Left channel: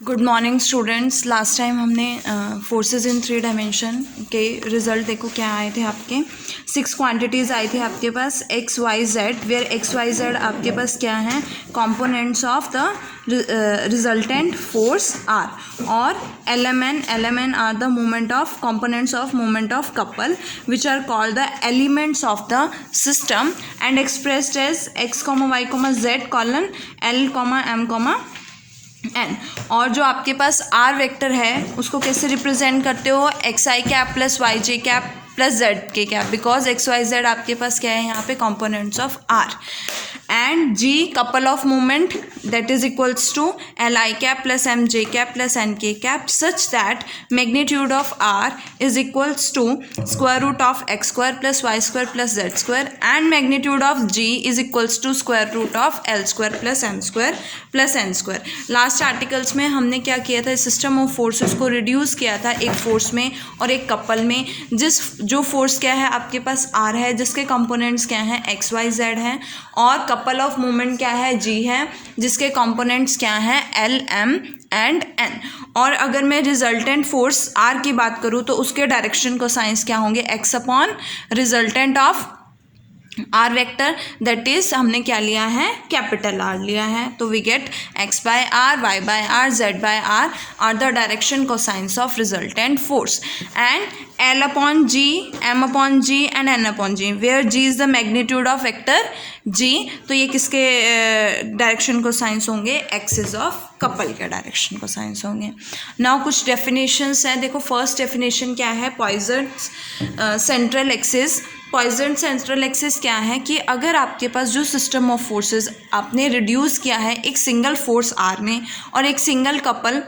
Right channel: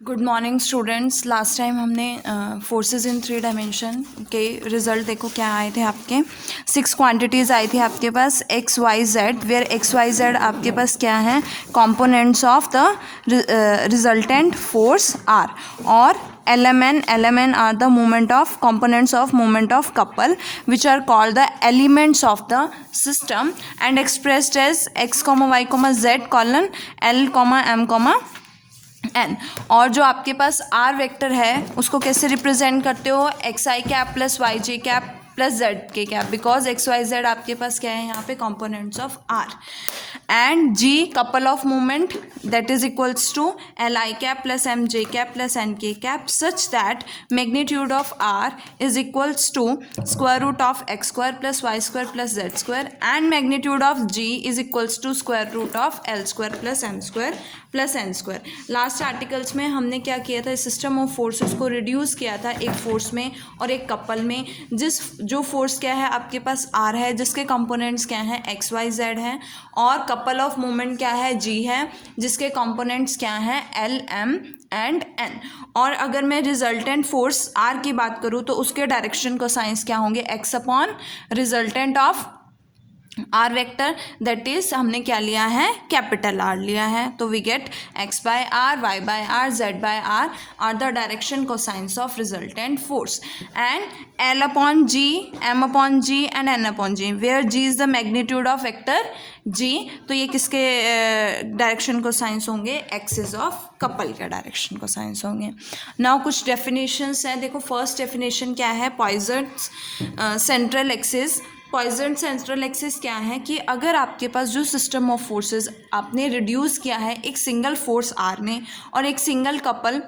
Good morning students. Last time हमने forces in 3 dimension के result देखो क्या आए थे आपके 6 क्वांटिटीज़ आई थी आपके पास X Y Z, where X Y Z आपके पास क्या है components of the resultant force R, और L M N are the moment of components of moment of couple which are called the elements of the system and expressed as x, y, z colon l, m, n। और जो आपके पास are vector है उसको कैसे represent करते हो, X I cap plus Y J cap plus Z K cap, because X Y Z आपके पास क्या है यहाँ पे components of R, and G couple of movement that is equals to L I cap plus M J cap plus N K cap such that magnitude of R is equals to square root of X square plus Y square plus Z square, and magnitude of ji is equals to square root of L square plus M square plus N square. Last articles में हमने क्या किया था, system of forces को reduce किया था एक force में और एक कपल में। जो फोर्स क्या है आपके पास आर है, जिसके कंपोनेंट्स क्या हैं एक्स वाई जेड हैं, और कपल ऑफ मूवमेंट क्या है जी है, जिसके कंपोनेंट्स क्या हैं एल एम एंड एन। और अगर मैं रिजल्टेंट फोर्स आर की बात करूँ तो उसके डायरेक्शन को साइंस क्या होंगे, X upon resultant of R vector, that is हमने क्या लिया है कैपिटल आर लिया है, तो we get X by R, Y by R, Z by R the direction cosines of resultant force, and L upon G, M upon G and N upon G, where G is the magnitude of vector G, तो ये किसके direction cosines होंगे, axis of couple के direction cosines होंगे। Now कुछ definitions हैं, देखो first definition क्या है, Poinsot's central axis. Poinsot central axis क्या है कि अगर आपके पास जो सिस्टम ऑफ फोर्सेस आपने रिड्यूस किया है एक सिंगल फोर्स आर में और एक सिंगल कपल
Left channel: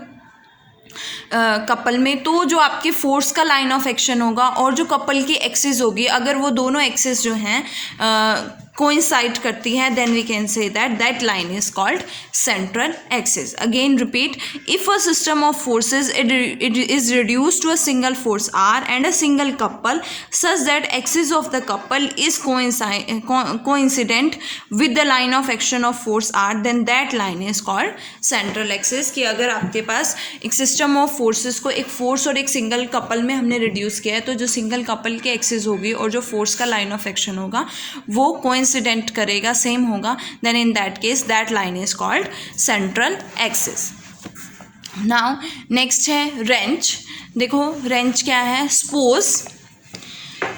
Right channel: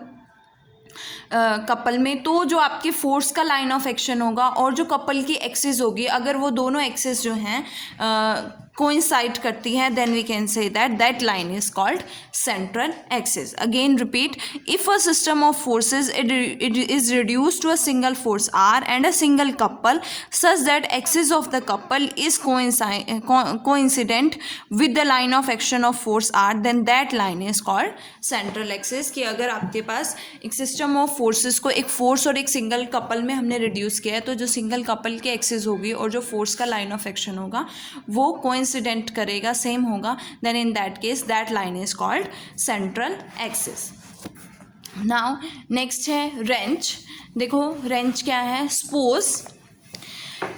में, तो जो आपके फोर्स का लाइन ऑफ एक्शन होगा और जो कपल की एक्सिस होगी, अगर वो दोनों एक्सिस जो हैं कोइंसाइड करती है, then we can say that line is called central axis. Again repeat, if a system of forces it is reduced to a single force r and a single couple such that axis of the couple is coincident with the line of action of force r, then that line is called central axis। कि अगर आपके पास एक system of forces को एक force और एक single couple में हमने रिड्यूस किया है, तो जो सिंगल कपल के एक्सिस होगी और जो फोर्स का लाइन ऑफ एक्शन होगा वो कोइंसिडेंट करेगा, सेम होगा, then in that case that line is called central axis. Now next है रेंच। देखो रेंच क्या है, suppose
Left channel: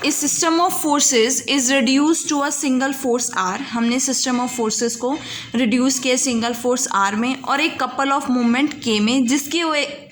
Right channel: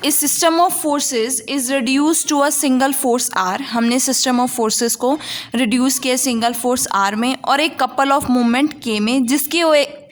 a system of forces is reduce to a single force R, हमने system of forces को reduce किया single force R में और एक कपल ऑफ मूवमेंट के में, जिसकी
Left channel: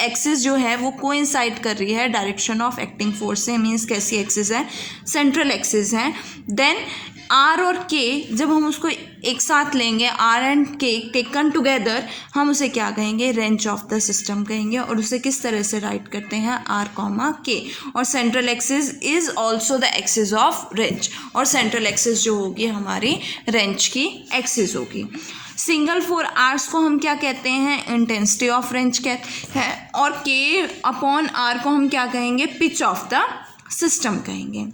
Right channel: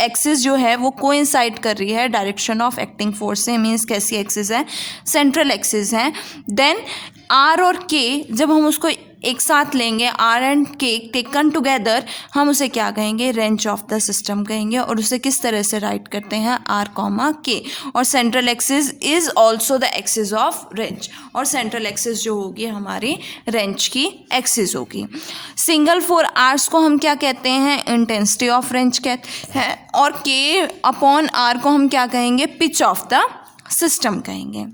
एक्सिस जो है वो कोइंसाइड कर रही है डायरेक्शन ऑफ एक्टिंग फोर्स से, मीन्स कैसी एक्सिस है, सेंट्रल एक्सिस है। देन आर और के जब हम उसको एक साथ लेंगे, आर एंड के टेकन टुगेदर, हम उसे क्या कहेंगे, रेंच ऑफ द सिस्टम कहेंगे, और उसे किस तरह से राइट करते हैं, आर कॉमा के, और central axis is also the axis of wrench, और सेंट्रल एक्सिस जो होगी हमारी रेंच की एक्सिस होगी। सिंगल फोर आर्स को हम क्या कहते हैं, इंटेंसिटी ऑफ रेंच कहते हैं, और के अपॉन आर को हम क्या कहेंगे, पिच ऑफ द सिस्टम कहेंगे।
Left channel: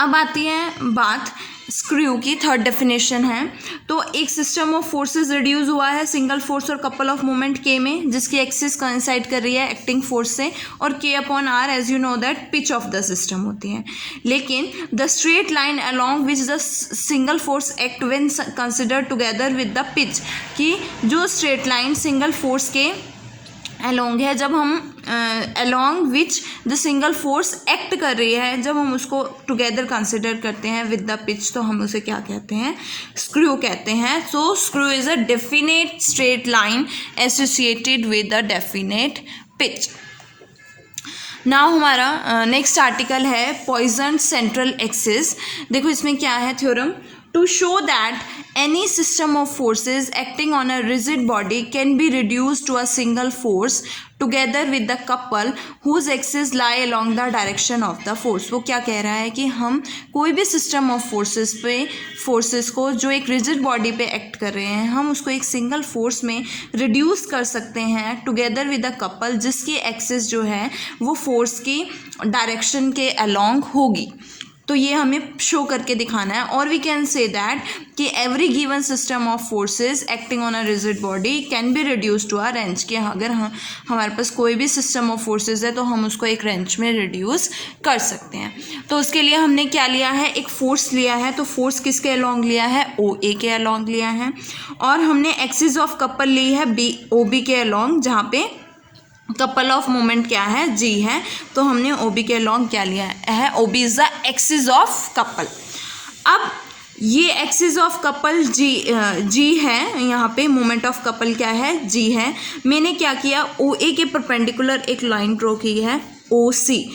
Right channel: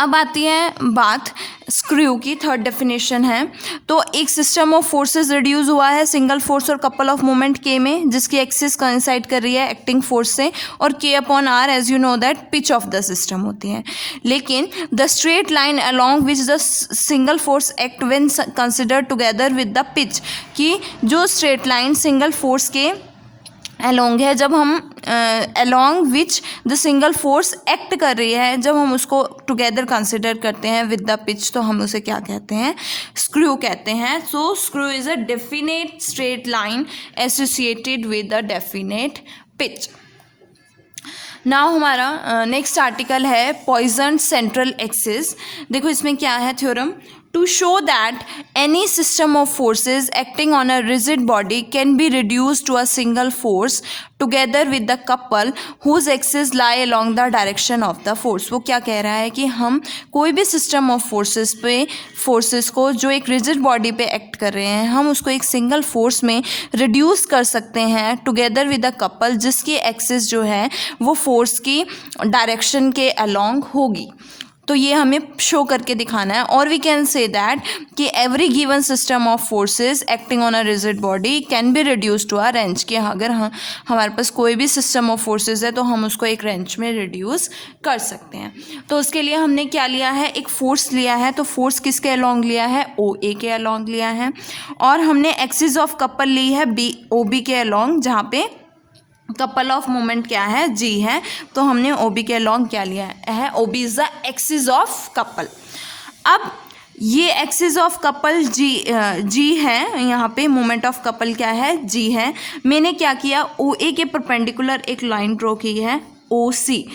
अब आती है बात स्क्रू की, थर्ड डेफिनेशन है, तो एक सिस्टम ऑफ फोर्सेस रिड्यूस हुआ है सिंगल फोर्स और कपल ऑफ मोमेंट के में, जिसकी एक्सिस कोइंसाइड कर रही है एक्टिंग फोर्स से, और K upon R as you know that pitch of the system होती है। लेकिन the straight line along which the single force act when considered together with the pitch, कि जो स्ट्रेट लाइन सिंगल फोर्स के along है, जब हम along which the single force act कर रही है, जब हम उसको टुगेदर कंसिडर करते हैं विद द पिच, तो हम उसे क्या कहते हैं, स्क्रू कहते हैं। So screw is a definite straight line associated with a definite pitch. Now हमारा नेक्स्ट आर्टिकल है पॉइजन सेंट्रल एक्सिस। देखो इसमें क्या है theorem, to show that any system of forces acting on a rigid body can be reduced to a single force together with the couple whose axes lie along the direction of the force। वो क्या कह रहा है कि हम कोई भी system of forces को जो एक रिजिड बॉडी पे एक्ट कर रहे हैं, हम उसको एक सिंगल फोर्स में रिड्यूस कर सकते हैं टुगेदर विद अ कपल जिसकी एक्सिस जो है वो फोर्स की डायरेक्शन के अलोंग होगी। तो ये हमें शो करके दिखाना है। और वी कैन से दैट कि every given system of forces acting on a rigid body can be reduce to a wrench, कि अगर हमारे पास कोई भी सिस्टम ऑफ फोर्सेस है तो हम उसको एक रेंज में रिड्यूस कर सकते हैं। तो उसके लिए हमने क्या लिया है, एक फोर्स लिया है। तो फोर्स किसके अलॉन्ग लिया है, ओ ए के अलॉन्ग लिया है। और हमने एक्सिस ऑफ कपल ली है बी ओ बी के अलॉन्ग, जहाँ पे कपल ऑफ मोमेंट क्या है, जी है। तो हमने ओ बी के अलॉन्ग क्या लिया है, O B is the axis of couple. अब ये एक्सिस ऑफ कपल जी है, यहाँ पे मोमेंट ऑफ कपल क्या है, जी है। मैंने क्या किया, ओ ए के परपेंडिकुलर एक लाइन ड्रॉ की है, ओ सी।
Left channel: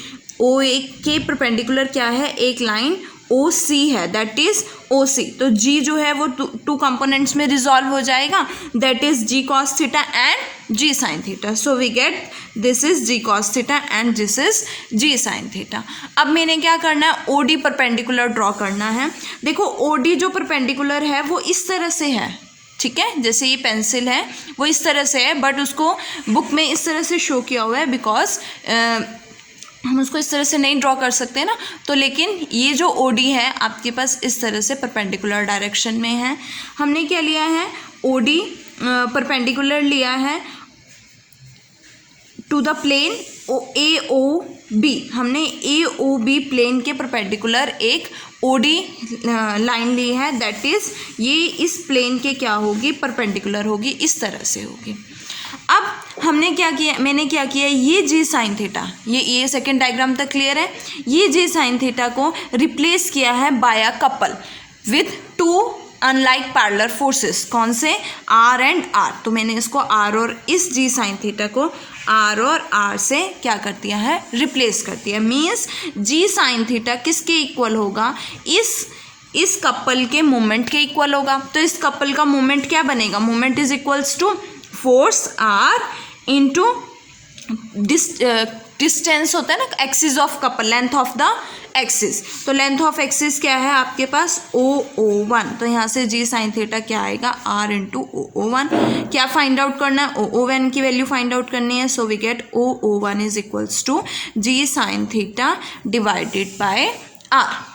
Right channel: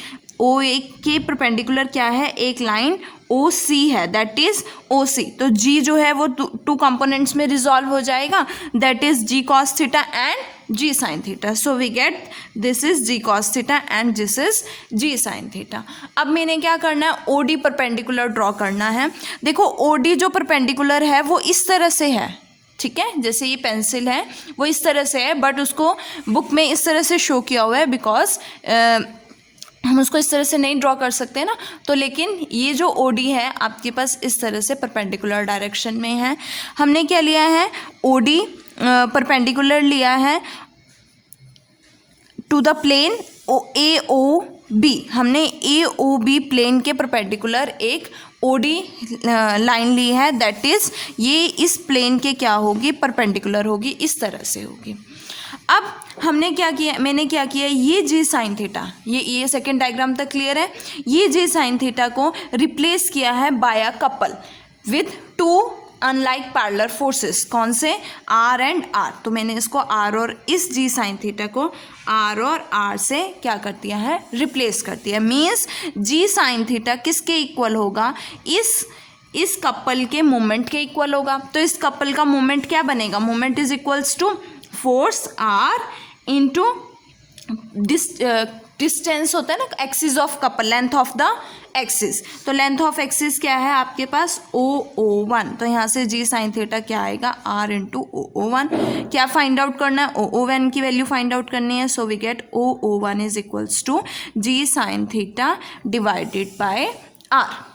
ओ ए के परपेंडिकुलर क्या है, एक लाइन ओ सी है, दैट इज ओ सी। तो जी जो है वो टू कंपोनेंट्स में रिजॉल्व हो जाएगा, that is G cos theta and G sine theta. So we get this is G cos theta and this is G sine theta. अब मैंने क्या करना है, ओ डी परपेंडिकुलर ड्रॉ करना है। देखो ओ डी जो परपेंडिकुलर है वो इस तरह से है, ठीक है, जैसे ये पेंसिल है वो इस तरह से है, बट उसको बुक में इस तरह से शो किया हुआ है बिकॉज हम उसको इस तरह से नहीं ड्रॉ कर सकते ना। तो लेकिन ये जो ओ डी है आपके पास इस तरह से परपेंडिकुलर डायरेक्शन में है। हमने क्या लिया है, ओ डी परपेंडिकुलर लिया है to the plane A O B. हमने ए ओ बी प्लेन के परपेंडिकुलर एक ओ डी लाइन ली है, दैट इज ये इस प्लेन के क्या होगी, परपेंडिकुलर होगी, इस तरह से होगी। अब हमने क्या किया, मैंने क्या किया, ये जी साइन थीटा, ये सेकेंड डायग्राम तक क्लियर है। ये जी साइन थीटा को रिप्लेस किया है by a couple with two unlike parallel forces. कौन से, आर एंड आर। तो मैंने इसको आर और इस जी साइन थीटा को आर और आर से क्या कर दिया है, रिप्लेस कर दिया। मीन्स जी साइन थीटा किसके इक्वल होगा, इस कपल के मोमेंट के इक्वल होगा। तो इस कपल का मोमेंट क्या बनेगा, moment is equals to force R into distance होता है ना, axis of couple, length of the axis. तो लेंथ ऑफ एक्सिस क्या है आपके पास, O1। तो यहाँ से जी साइन थीटा क्या आएगा, आर इंटू O1। क्या फाइंड आउट करना है, O1 की वैल्यू फाइंड आउट करनी है। So we get O1 is equals to G sine theta divided by R.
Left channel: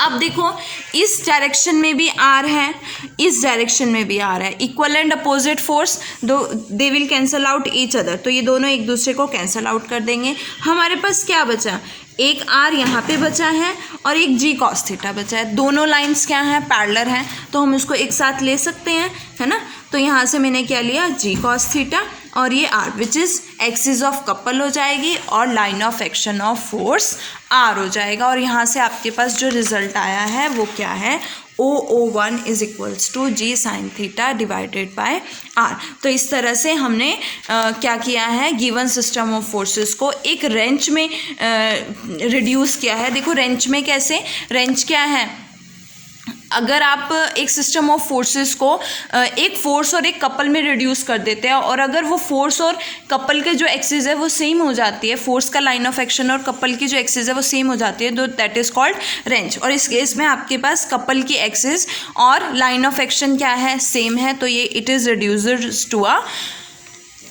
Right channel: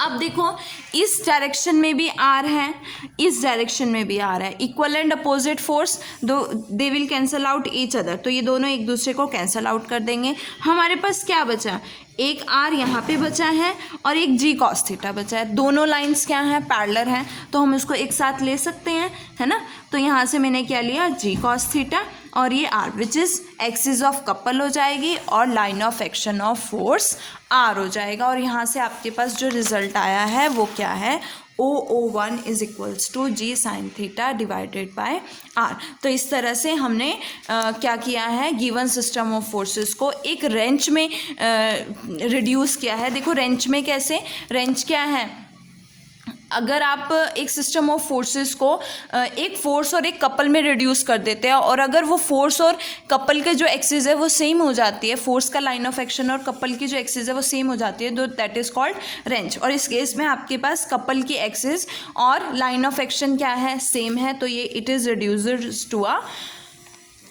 अब देखो इस डायरेक्शन में भी आर है, इस डायरेक्शन में भी आर है, equal and opposite force, they will cancel out each other. तो ये दोनों एक दूसरे को कैंसल आउट कर देंगे। हमारे पास क्या बचा, एक आर यहाँ पे बचा है और एक जी कॉस थीटा बचा है। दोनों लाइंस क्या हैं, पैरेलल हैं, तो हम उसको एक साथ ले सकते हैं, है ना। तो यहाँ से मैंने क्या लिया, जी कॉस थीटा, और ये R which is axis of couple हो जाएगी और line of action of force R हो जाएगा। और यहाँ से आपके पास जो रिजल्ट आया है वो क्या है, O1 is equals to G sine theta divided by R. तो इस तरह से हमने क्या किया है, गिवन सिस्टम ऑफ फोर्सेस को एक रेंज में रिड्यूस किया है। देखो रेंज में कैसे, रेंज क्या है, अगर आप एक सिस्टम ऑफ फोर्सेस को एक फोर्स और एक कपल में रिड्यूस कर देते हैं, और अगर वो फोर्स और कपल के जो एक्सिस है वो सेम हो जाती है, फोर्स का लाइन ऑफ एक्शन और कपल की जो एक्सिस है वो सेम हो जाती है, तो दैट इज कॉल्ड रेंज। और इस केस में आपके पास कपल की एक्सिस और लाइन ऑफ एक्शन क्या है, सेम है, तो ये it is reduced to a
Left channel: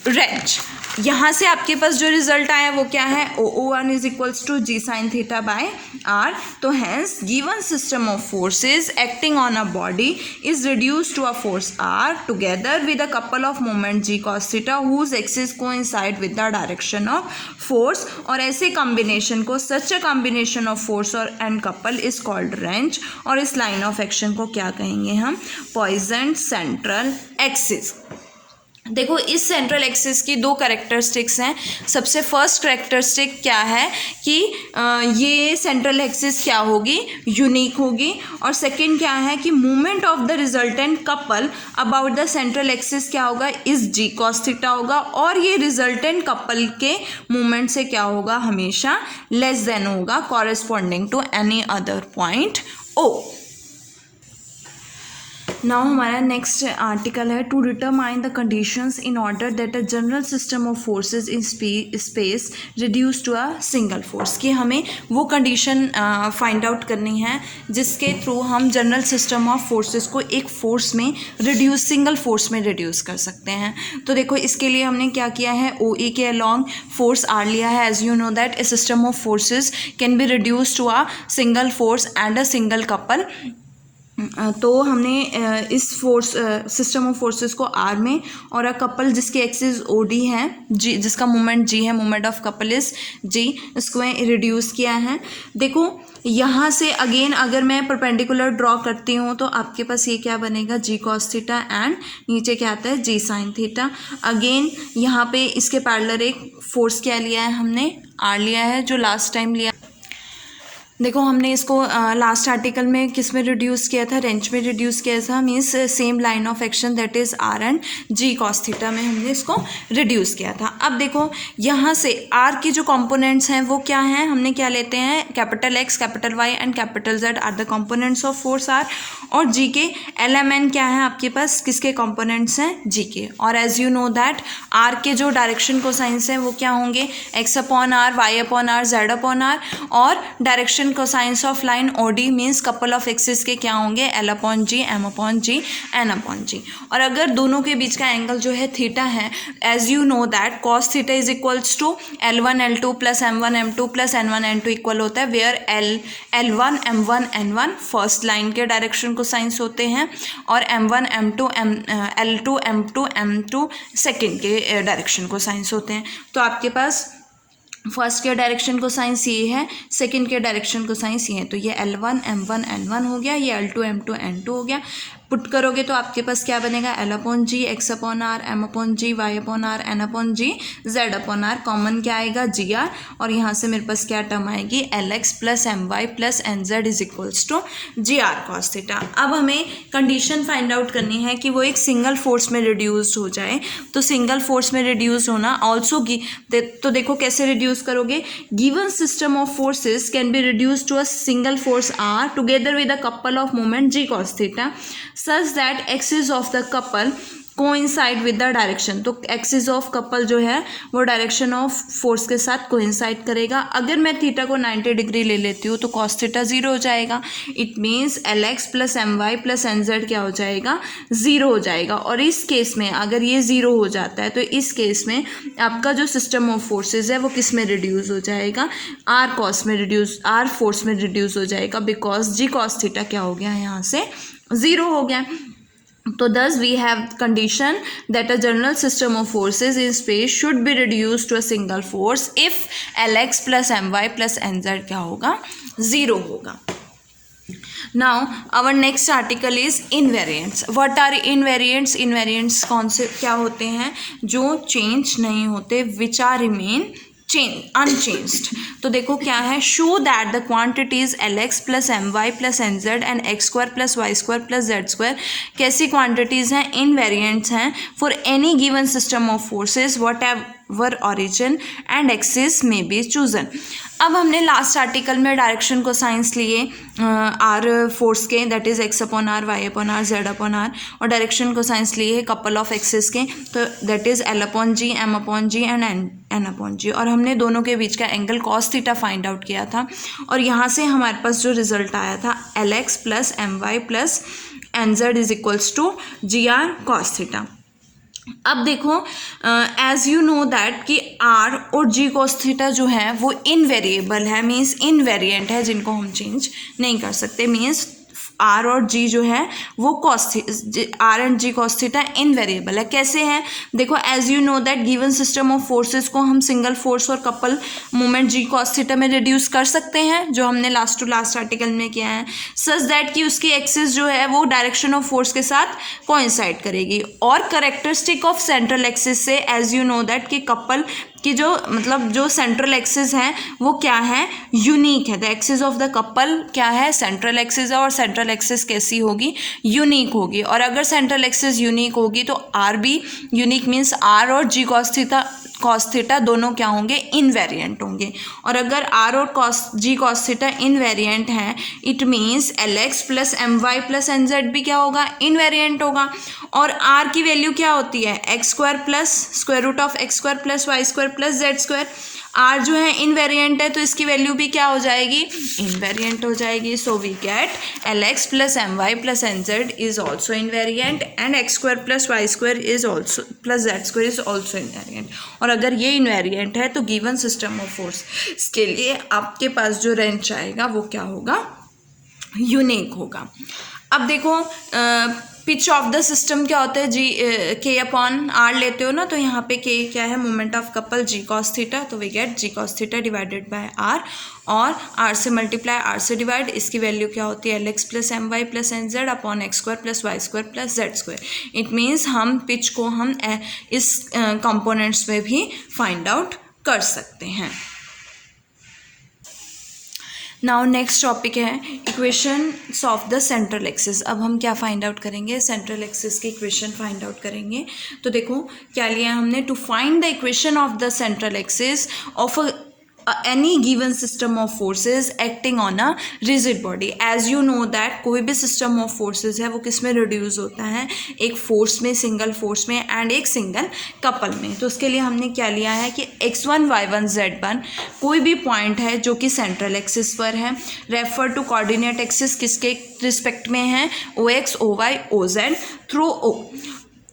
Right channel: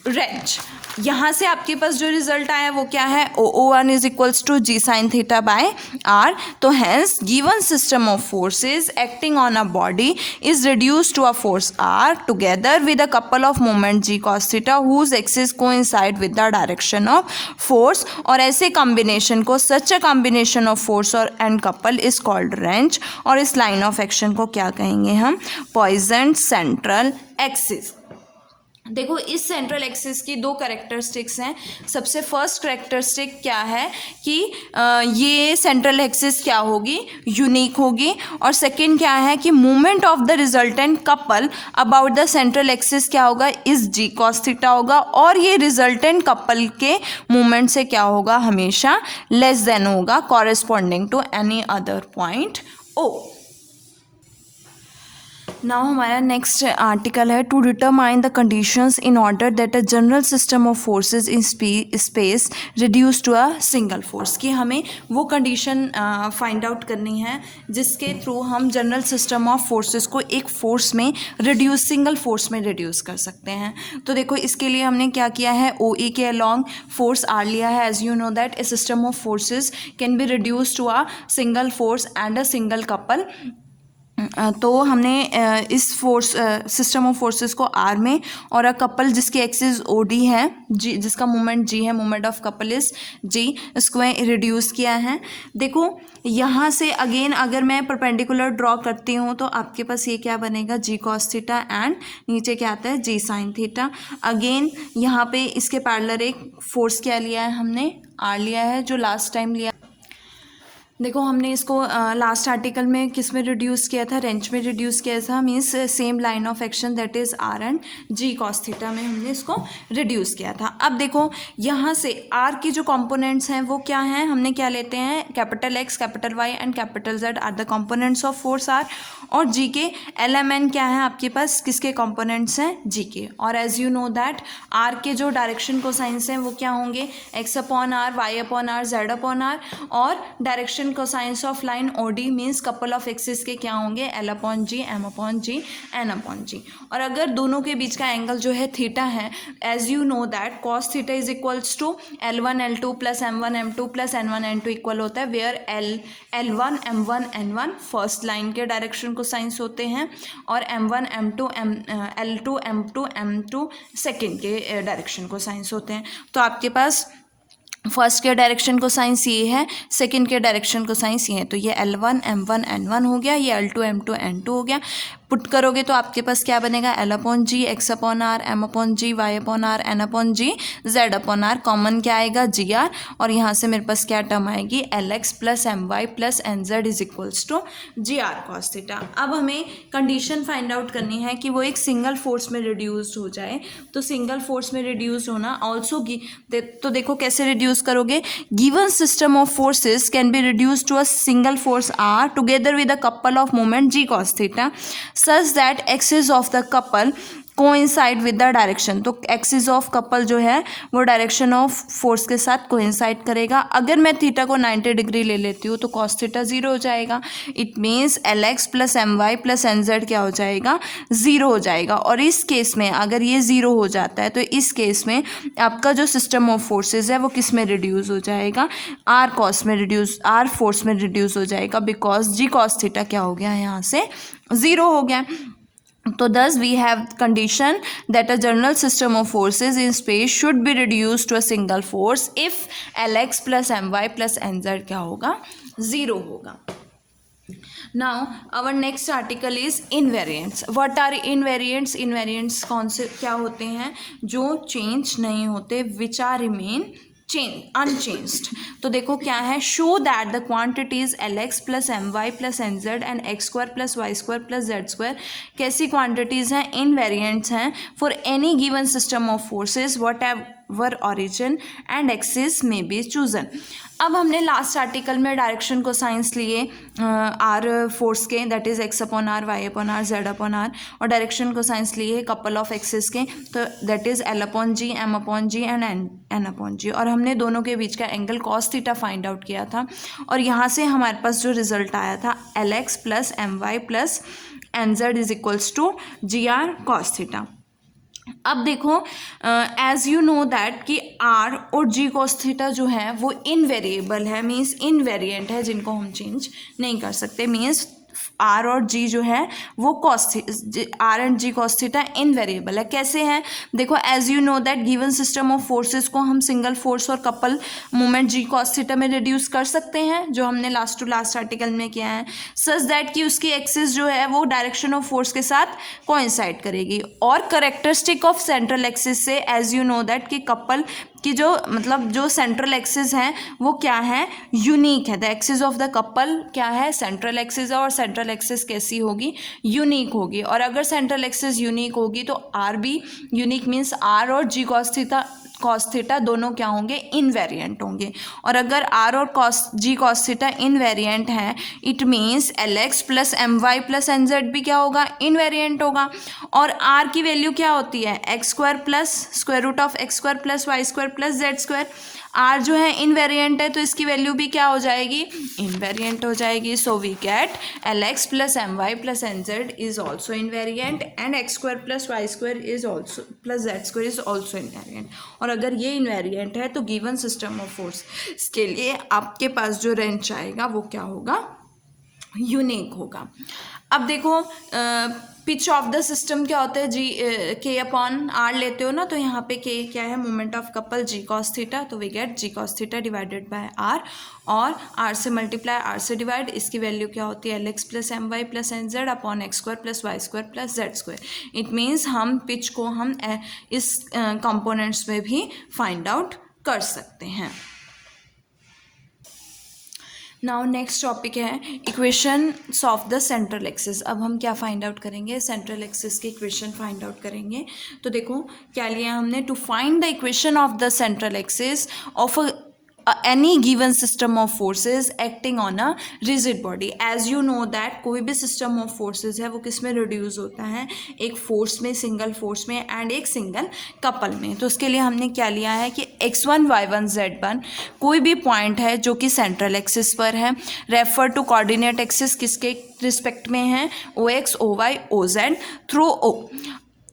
wrench. यहाँ से आपके पास जो रिजल्ट आया वो क्या है, O1 is equals to G sine theta by R. तो hence given system of forces acting on a body is reduced to a force R together with a couple of moment G cos theta whose axis coincide with the direction of force. और ऐसे combination को, such a combination of force और and couple is called wrench. और इस line of action को क्या कहेंगे हम, पॉइजन सेंट्रल एक्सिस। देखो इस सेंट्रल एक्सिस की दो कैरेक्टरिस्टिक्स हैं। सबसे फर्स्ट कैरेक्टरिस्टिक क्या है कि ये सेंट्रल एक्सिस क्या होगी, यूनिक होगी। और सेकंड क्या है कि movement of the resultant couple about the central axis क्या होगा, इस जी कॉस थीटा होगा। और ये रिजल्टेंट कपल के मूवमेंट से क्या होगा, हमेशा लेस देन होगा corresponding to any other point O. Now हमारा नेक्स्ट आर्टिकल है to determine the conditions in order that a general system of forces in space reduce to a single force, कि हमें वो कंडीशन फाइंड आउट करनी है जिसके through हम general system of forces को एक फोर्स में रिड्यूस, सिंगल फोर्स में रिड्यूस कर सकते हैं। तो देखो इसके लिए हमने क्या किया है, ओ ई के अलॉन्ग फोर्स आर लिया है। As you know that a system of forces can be reduce to a single force and a single couple. तो हमने इस फोर्स सिस्टम ऑफ फोर्सेस को आर में और अ कपल जिसके एक्सिस ओ डी है, जी जिसका मोमेंट जी है, moment of couple is G, इसको रिड्यूस किया है। देखो यहाँ से अगेन अगर मैं परपेंडिकुलर ड्रॉ करती हूँ तो आपके पास ये क्या बनेगा, जी कॉस थीटा एंड नीचे क्या आता है, जी साइन थीटा। अगेन यहाँ पे इसके पैरेलल एक फोर्स क्या लिया है हमने, आर लिया है, जो लास्ट टाइम लिया। देखो हमने इसको लास्ट आर्टिकल में किस में रिड्यूस किया था, रेंच में रिड्यूस किया था, means same line of action that is R and G cos theta में हमने इसको रिड्यूस किया था। अब देखो यहाँ से आर की जो कंपोनेंट्स हैं वो क्या हैं, हमने क्या लेते हैं, capital X, capital Y and capital Z are the components of force R, और जी के एल एम एन क्या है आपके पास, किसके कंपोनेंट्स हैं, जी के। और as you know that R के जो डायरेक्शन कोसाइंस हैं वो क्या होंगे, X upon R, Y upon R, Z upon R, और direction cosines of line OD means couple of axis के क्या होंगे, L upon G, M upon G, N upon G. और अगर दोनों के बीच का एंगल जो है थीटा है, as you know that cos theta is equals to L1 L2 plus M1 M2 plus N1 N2 equal होता है, where L1 M1 N1 first line के डायरेक्शन कोसाइंस होते हैं और M1 M2 L2 M2 M2 second के direction cosines होते हैं। तो आपके पास फर्स्ट के डायरेक्शन को साइंस ये है, सेकंड के डायरेक्शन को साइंस ये है, तो ये L1 M1 N1 हो गया, ये L2 M2 N2 हो गया। पुट करोगे तो आपके पास क्या बनेगा, L upon G, X upon R, M upon G, Y upon R, N upon G, Z upon R, common क्या आएगा, जी आर, और यहाँ से मेरे पास क्या टर्म आएगी, L X plus M Y plus N Z is equals to G R cos theta. अब हमें कंडीशन फाइंड आउट करनी है कि वो एक सिंगल फोर्स में रिड्यूस्ड हो जाए। तो सिंगल फोर्स में रिड्यूस होना ऑल्सो तो देखो कैसे रिड्यूस करोगे, given system of forces can be reduce to a single force R together with a couple of moment G cos theta such that axis of the couple coincide with the direction. तो axis of couple जो है वो direction of force के साथ coincide करेगा। अगर मैं theta को 90 डिग्री ले लेती हूँ तो कॉस थीटा जीरो हो जाएगा। It means L X plus M Y plus N Z क्या हो जाएगा, ज़ीरो हो जाएगा। और इस केस में अगर ये ज़ीरो हो जाता है तो इस केस में आपका जो सिस्टम ऑफ फोर्सेज है वो किस में रिड्यूस हो जाएगा, आर कॉस में रिड्यूस, आर फोर्स में रिड्यूस हो जाएगा, बिकॉज जी कॉस थीटा क्या हो गया, यहाँ से ज़ीरो हो गया। तो thus we have condition that a general system of forces in space should be reduced to a single force if Lx plus My plus Nz क्या होगा, ज़ीरो होगा। Now our next article is invariants. What are invariants? Invariants कौन से क्या होते हैं, जो change नहीं होते, which are remain unchanged। तो देखो क्या है, show that the quantities L X plus M Y plus N Z and X square plus Y square plus Z square कैसी क्वांटिटीज हैं, इनवेरिएंट्स हैं for any given system of forces whatever origin and axis may be chosen. अब हमने last article में direction cosines लिए R force के, that is X upon R, Y upon R, Z upon R, और direction cosines लिए है couple of axis के, तो that is L upon G, M upon G and N upon G. और हमने दोनों के बीच का angle cos theta find out किया था और यहाँ से हमारे पास जो रिजल्ट आया था L X plus M Y plus N Z is equals to G R cos theta. अब देखो एज यू नो दैट कि आर और जी कॉस थीटा जो है वो इनवेरिएबल है, मीन्स इनवेरिएंट है, जिनको हम चेंज नहीं कर सकते। मीन्स आर और जी जो है वो R and G cos theta invariable है। कैसे है, देखो as you know that given system of forces को हम सिंगल फोर्स और couple moment G cos theta में रिड्यूस कर सकते हैं, जो हमने लास्ट टू लास्ट आर्टिकल में किया है, सच दैट कि उसकी एक्सिस जो है वो डायरेक्शन ऑफ फोर्स के साथ कोइंसाइड करेगी। और करेक्टरिस्टिक ऑफ सेंट्रल एक्सिस से एज यू नो दैट कि कपल कि जो मतलब जो सेंट्रल एक्सिस है वो क्या है, यूनिक है। The axis of the couple क्या है, सेंट्रल एक्सिस है, और सेंट्रल एक्सिस कैसी होगी, यूनिक होगी। और अगर सेंट्रल एक्सिस यूनिक होगी तो आर भी यूनिक, मीन्स आर और G cos theta cos theta दोनों क्या होंगे, इनवेरिएंट होंगे। और अगर आर और जी कॉस थीटा इनवेरिएंट है, it means L X plus M Y plus N Z भी क्या होगा, इनवेरिएंट होगा। और आर की वैल्यू क्या होती है, X square plus square root of X square plus Y square plus Z square. R जो है इनवेरिएंट है तो इसकी वैल्यू भी क्या हो जाएगी, इनवेरिएंट हो जाएगी। So we get L X plus M Y plus N Z is also invariant and X square plus Y square is also plus Z square is also invariant. और अगर ये इनवेरिएंट है तो गिवन सिस्टम ऑफ फोर्स के लिए आपके पास जो रेंज आएगा वो क्या होगा, यूनिक होगा। अब देखो पिच ऑफ द सिस्टम क्या होता है, जी के अपॉन आर लेते हो ना, तो यहाँ पे के क्या है, moment of couple G cos theta, तो we get G cos theta divided by R, और आर से मल्टीप्लाई आर से डिवाइड, इसकी वैल्यू क्या होती है, L X plus M Y plus N Z upon X square plus Y square plus Z square. It means हम pitch को हम इस कंपोनेंट्स में भी फाइंड आउट कर सकते हैं। नाउ नेक्स्ट टॉपिक है equations of the central axis. अब हम क्या फाइंड आउट करेंगे, सेंट्रल एक्सिस की इक्वेशन फाइंड आउट करेंगे। तो देखो क्या लिया हमने, to find the equation of the central axis of any given system of forces acting on a rigid body। as you know that कोई भी system of forces है वो किस में reduce होता है, एक force में, सिंगल force में एंड एक सिंगल कपल में। तो उसके लिए हमने क्या लिया है कि x1 y1 z1 कोई भी पॉइंट है जो कि सेंट्रल एक्सिस पर है, रेफर टू कोऑर्डिनेट एक्सिस किसके रिस्पेक्ट में है, O X O Y O Z through O.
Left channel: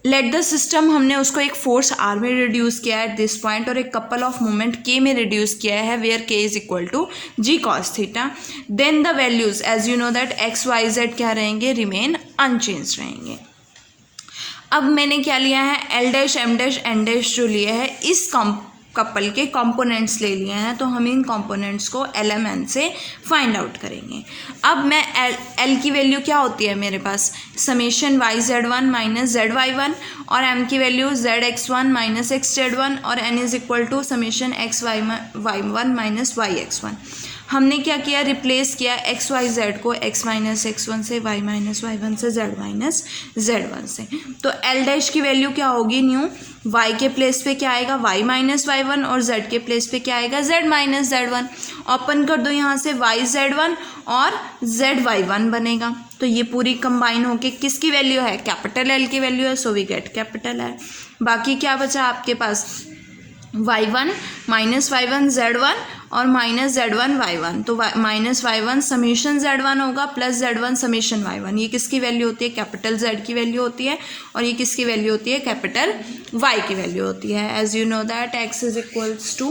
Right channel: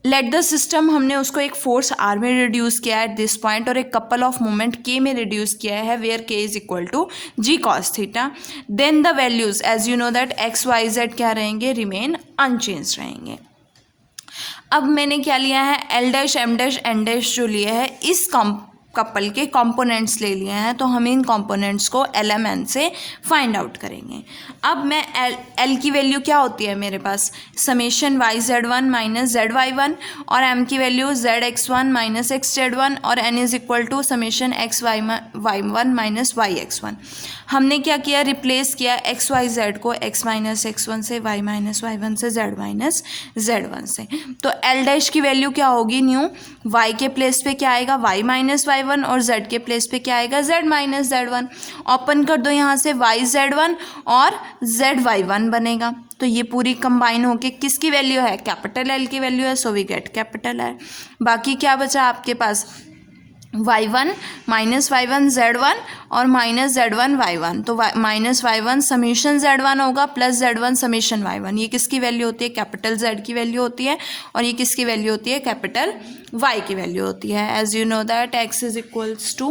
Let the system, हमने उसको एक फोर्स आर में रिड्यूस किया है एट दिस पॉइंट और एक कपल ऑफ मोमेंट के में रिड्यूस किया है where K is equal to G cos theta. Then the values as you know that X Y Z क्या रहेंगे, रिमेन अनचेंज रहेंगे। अब मैंने क्या लिया है, L dash M dash N dash जो लिया है इस कपल के कंपोनेंट्स ले लिए हैं, तो हम इन कंपोनेंट्स को एल एम एन से फाइंड आउट करेंगे। अब मैं एल की वैल्यू क्या होती है मेरे पास, summation Y Z one minus Z Y one, और एम की value Z X one minus X Z one, और N is equal to summation X Y one minus Y X one. हमने क्या किया, रिप्लेस किया एक्स वाई जेड को X minus X one से, Y minus Y one से, Z minus Z one से। तो एल डैश की वैल्यू क्या होगी, न्यू वाई के प्लेस पे क्या आएगा, वाई माइनस वाई वन, और जेड के प्लेस पे क्या आएगा, Z minus Z one. Open कर दो यहाँ से, वाई जेड वन और जेड वाई वन बनेगा। तो ये पूरी कंबाइन होके किसकी वैल्यू है, कैपिटल एल की वैल्यू है, so we get capital L. बाकी क्या बचा आपके पास, Y one minus Y one Z one और minus Z one Y one. तो minus Y one summation Z one होगा plus Z one summation Y one. ये किसकी वैल्यू होती है, कैपिटल जेड की वैल्यू होती है, और ये किसकी वैल्यू होती है, कैपिटल वाई की वैल्यू होती है। As you know that X is equals to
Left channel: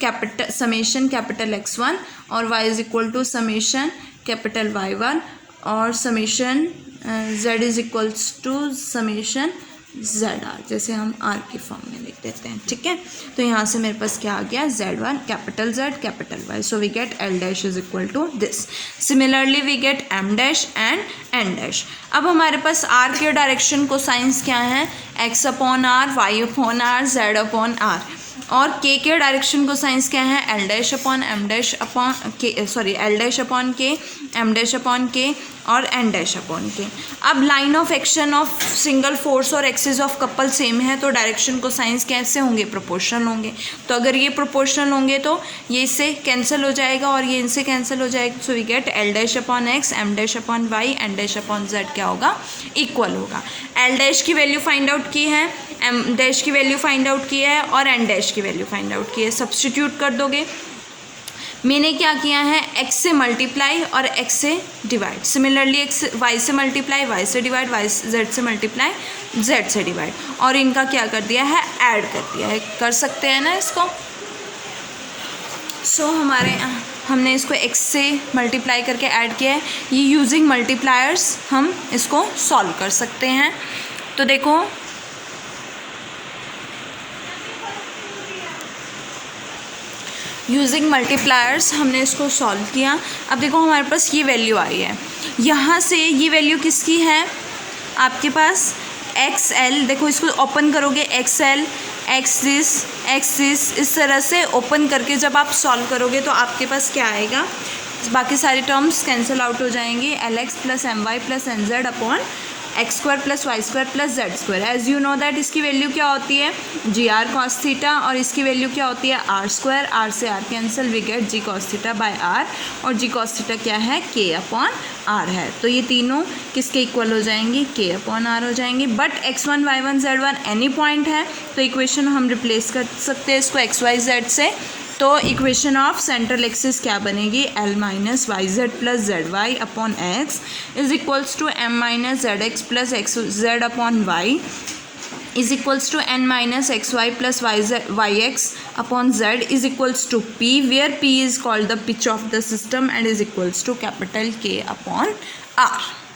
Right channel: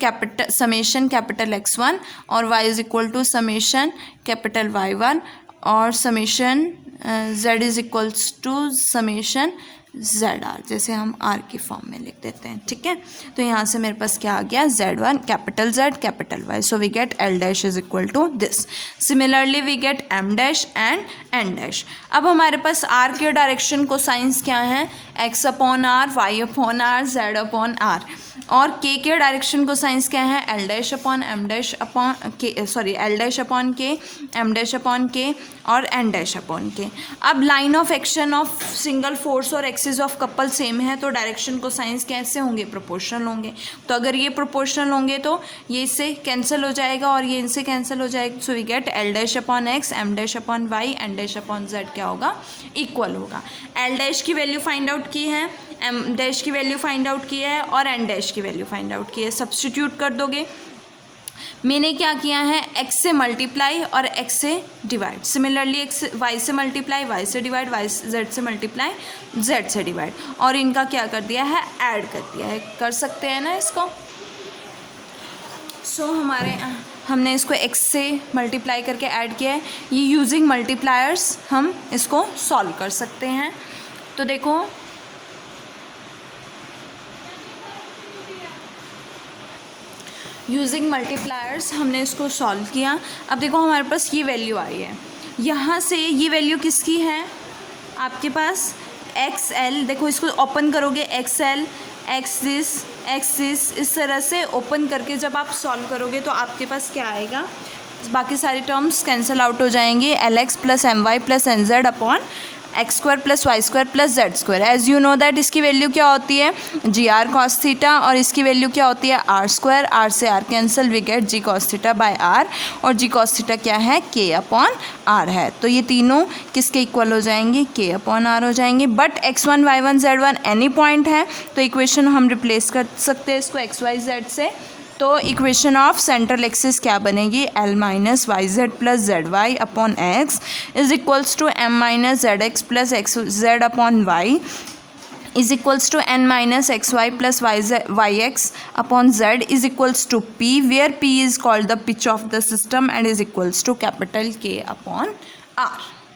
capital summation capital X one और Y is equal to summation capital Y one, और summation Z is equals to summation Z R, जैसे हम are की form में लिख देते हैं। ठीक है, तो यहाँ से मेरे पास क्या आ गया, Z one capital Z capital Y, so we get L dash is equal to this. Similarly we get M dash and N dash. अब हमारे पास आर के डायरेक्शन को साइंस क्या है, X upon R, Y upon R, Z upon R, और K direction cosines क्या है, L dash upon M dash upon K, sorry L dash upon K, M dash upon K और N dash upon के। अब line of action of single force और axis of couple same है, तो direction को science कैसे होंगे, proportional होंगे। तो अगर ये प्रोपोर्शनल होंगे तो ये इससे कैंसिल हो जाएगा और ये इनसे कैंसिल हो जाएगा। So we get L dash upon X, M dash upon Y, N dash upon Z क्या होगा, इक्वल होगा। एल डैश की वैल्यू फाइंड आउट की है, एम डैश की वैल्यू फाइंड आउट की है और एन डैश की वैल्यू फाइंड आउट की है। सब्स्टिट्यूट कर दोगे, मैंने क्या किया है, x से मल्टीप्लाई और x से डिवाइड। सिमिलरली x y से मल्टीप्लाई, y से डिवाइड, y z से मल्टीप्लाई, z से डिवाइड, और इनका क्या कर दिया है, ऐड कर दिया है। कर सकते हैं ना इसको। सो हमने इसको x से मल्टीप्लाई करके ऐड किया है। ये यूजिंग मल्टीप्लायर्स हम इसको सॉल्व कर सकते हैं। तो देखो यूजिंग मल्टीप्लायर्स हमने इसको सॉल्व किया। अब देखो हमारे पास ये वैल्यू आई है, यहाँ से ये वैल्यू किसकी है आपके पास, एक्स एल। देखो इसको ओपन करोगे, एक्स एल एक्स दिस इस तरह से ओपन करके जब आप सॉल्व करोगे तो आपके पास क्या आएगा, बाकी सारे टर्म्स कैंसिल आउट हो जाएंगे। L X plus M Y plus N Z upon X square plus Y square plus Z square. As you know that इसकी वैल्यू क्या होती है जी आर कॉस थीटा, और इसकी वैल्यू क्या होती है आर स्क्वायर। आर से R cancel, we get G cos theta by R, और जी कॉस थीटा क्या है के अपॉन आर है। तो ये तीनों किसके इक्वल हो जाएंगे, के अपॉन आर हो जाएंगे। But x1 y1 z1 any point है, तो इक्वेशन हम रिप्लेस कर सकते हैं इसको एक्स वाई जेड से। तो इक्वेशन ऑफ सेंट्रल एक्सिस क्या बनेगी, L minus Y Z plus Z Y upon X is equals to M minus Z X plus X Z upon Y is equals to n minus xy plus yx upon z is equals to p, where p is called the pitch of the system and is equals to capital K upon R.